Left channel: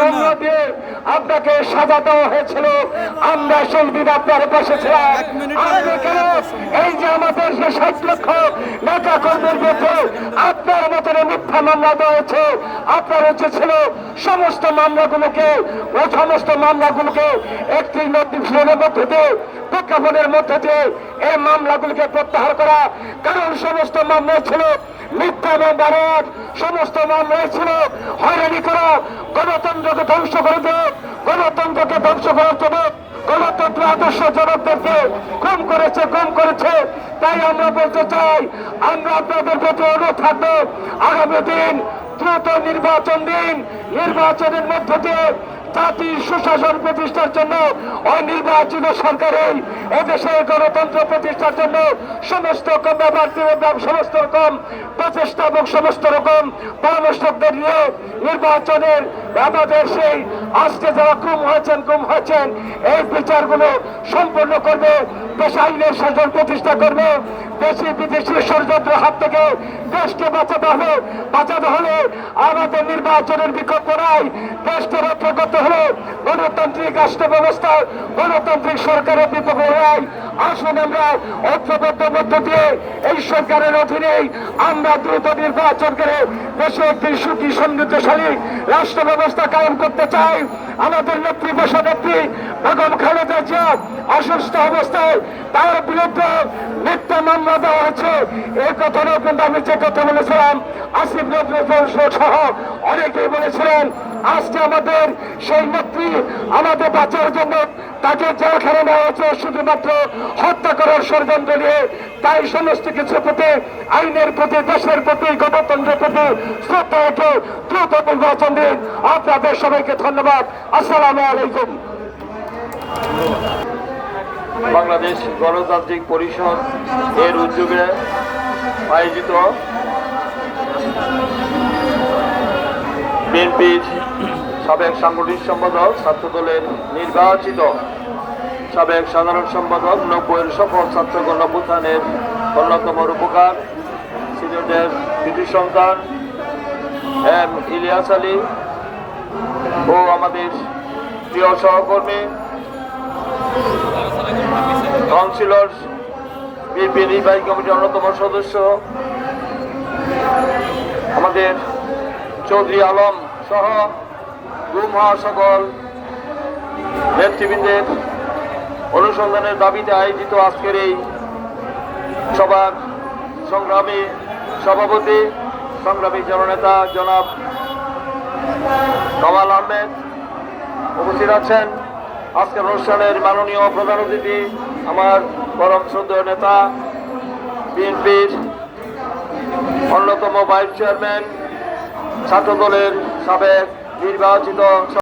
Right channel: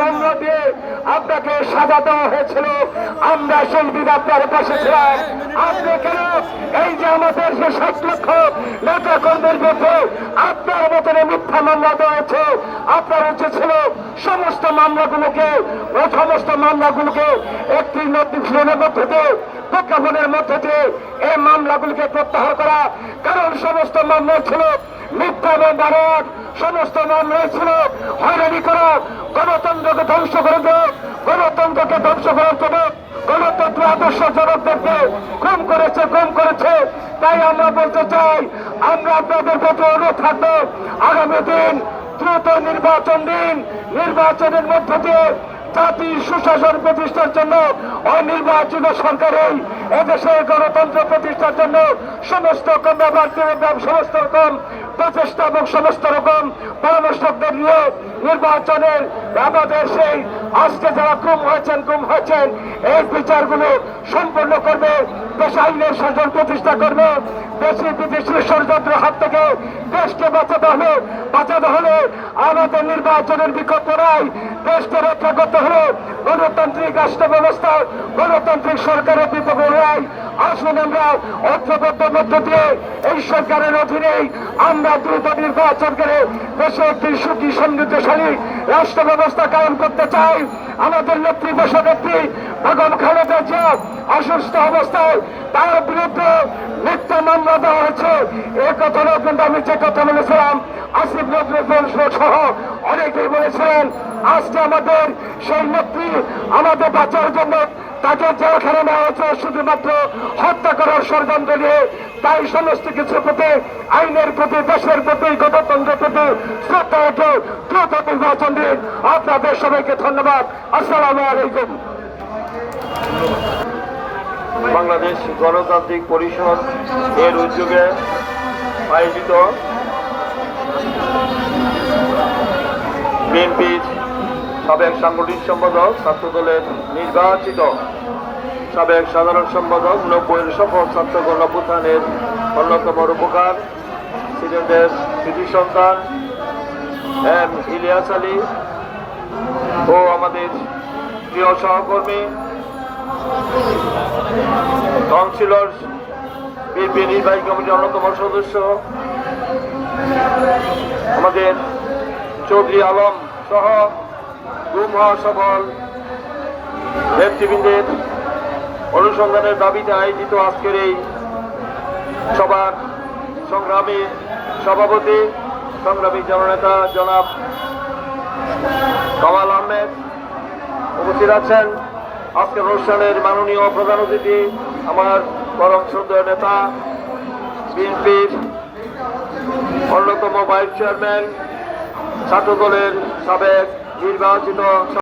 মামলা দিয়ে আপনাকে সাজা দেওয়া হয়েছিল। আমরা সেই দিন আপনার আপনি এই যে আমাদের যে ষাট লক্ষ নেতা কর্মীর বিরুদ্ধে আপনার মতন মিথ্যা মামলা দেওয়া হয়েছে আপনার হচ্ছে ছিল সমস্ত মামলাগুলোকে ও সমস্ত মামলাগুলোকে একটি নোটিফিকেশনের মধ্যে দিয়ে প্রজ্ঞাপনের মধ্যে দিয়ে এই মামলাগুলিকে প্রত্যাহার করা। কারণ সমস্ত মামলা ছিল মিথ্যা এবং বারণ সমস্ত মামলা ছিল হয়রানি করা। গণতন্ত্রকে ধ্বংস করে দেয় গণতন্ত্রকে ধ্বংস করার জন্য গণতন্ত্র আদর্শ জনকদেরকে কম করেছে কম করেছে। তাই আমরা বলতে চাই, আমরা আপনাদের প্রতি অনুরোধ থাকব, আগামী দিন দ্রুত নির্বাচন দিন। নির্বাচনের মধ্য দিয়ে জাতির সুশাসন প্রতিষ্ঠার জন্য, অনির্বাচিত সরকারই এদেশের গণতন্ত্র প্রতিষ্ঠার জন্য সমস্ত কর্মপ্রার্থী এবং সমস্ত রকম প্রচেষ্টা এবং সমস্ত রকম পরামর্শকদের নিয়ে নির্বাচনের আমাদের সেই আজকে যারা গুম হয়েছেন গুম হয়েছেন, এই বিচারগুলো সম্পন্ন করবে, দেশ আইনের শাসন প্রতিষ্ঠা করবে, দেশি বিদেশি ষড়যন্ত্র হাত থেকে দেশকে বাঁচাতে হলে বাঁচাতে হলে আমাদের নির্বাচনের বিকল্প নাই। দেশকে রক্ষা করতে হলে গণতান্ত্রিক রাষ্ট্র ব্যবস্থা গণতান্ত্রিক সরকারের বিকল্প নাই আসুন আমরা ঐক্যবদ্ধ মধ্য দিয়ে এই সরকারের অধীনেই আমরা দ্রুত নির্বাচন করে দেশে একটি সুখী সমৃদ্ধশালী রাষ্ট্র ব্যবস্থা কায়েম করতে চাই। আমাদের নেত্রী দেশনেত্রী বেগম খালেদা জিয়া অসুস্থ অবস্থায় তার বিরুদ্ধে মিথ্যা মামলা দেওয়া হয়েছে। এ কথা কিন্তু আমি যে কথা বলেছিলাম, আসিফ নজরুল সহ অনেকেই বলেছিলেন, আজকে আমাদের সেই নেত্রী আমাদের বাঁচার জন্য তাকে জেলখানে নেওয়া হয়েছে, শুধুমাত্র হত্যা করার ষড়যন্ত্র নিয়ে। তাই সমস্ত কিছু প্রতি, আইনের প্রতি, দেশের প্রতি, গণতন্ত্রের প্রতি শ্রদ্ধা রেখে দ্রুত নির্বাচন দিন আপনাদের সবাইকে ধন্যবাদ। আসসালামু আলাইকুম। বাংলাদেশ গণতান্ত্রিক পরিষদ এর উদ্যোগে আয়োজিত বিএনপির সাবেক সাংগঠনিক সম্পাদক, ছাত্রদলের নির্বাচিত সাবেক সাধারণ সম্পাদক, নব্বইয়ের সফল ছাত্র গণভূতানের অন্যতম রূপকার সিলেটের কৃতি সন্তান, এম ইলিয়াস আলী ও আমাদের প্রিয় সহকর্মী, কাউন্সিলর, বিএনপি নির্বাহী কমিটির অন্যতম সদস্য, আমাদের চৌধুরী আলম সহ গুম হওয়া সকল নেতৃবৃন্দের অনুসন্ধানের দাবিতে আয়োজিত আজকের এই সভার সংগ্রামী সভাপতি, সংগ্রামী জননেতা জনাব কামাল আহমেদ উপস্থিত আছেন। আজকের অনুষ্ঠানের মাননীয় প্রধান অতিথি আমার পরম সুন্দর নেতা, বিএনপির অন্যতম ভাইস চেয়ারম্যান ছাত্র দলের সাবেক নির্বাচিত